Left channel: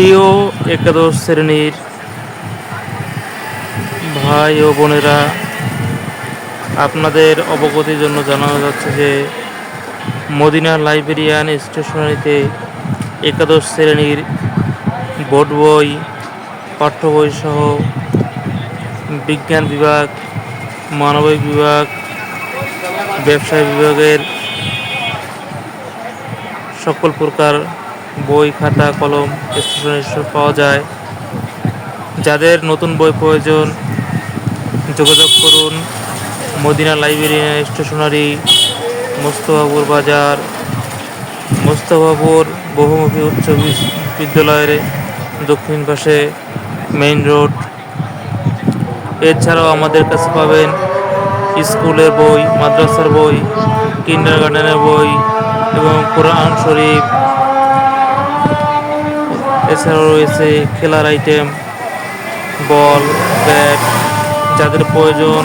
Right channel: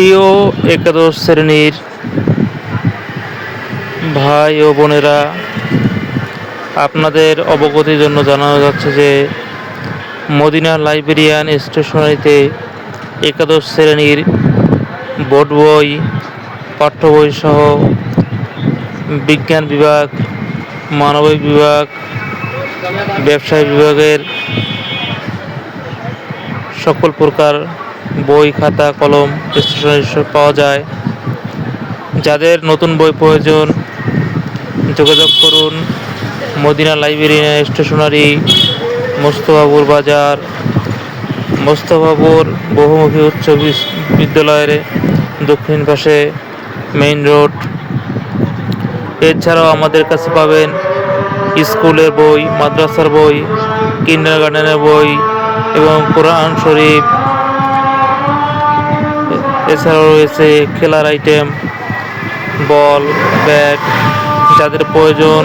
প্রিয় একাদশ শ্রেণীর ভাই ও বোনেরা, আপনাদের অবগতির জন্য জানানো যাচ্ছে যে মদিনা লাইব্রেরিয়ান স্টেশনারিতে একাদশ শ্রেণীর বোর্ড বই, পাঠ্য বই সহ বিজ্ঞান বিভাগ, মানবিক বিভাগ, ব্যবসায় বিভাগের সকল প্রকার বই, খাতা, কলম স্টেশনারি পাওয়া যায়। যাদের নতুন বই প্রয়োজন যোগাযোগ করুন মদিনা লাইব্রেরিয়ান স্টেশনারি, মোস্তফাপুর বাজার, মোস্তফাপুর বহুমুখী উচ্চ বিদ্যালয়ের দক্ষিণ পাশে মেইন রোড। এছাড়াও আমাদের কাছে পাবেন স্কুলের বই, মাদ্রাসার বই, কিন্ডারগার্টেনের বই এবং কোরআন শরীফ। এছাড়াও রয়েছে খেলার আইটেম, বল, ব্যাট, যাদের প্রয়োজন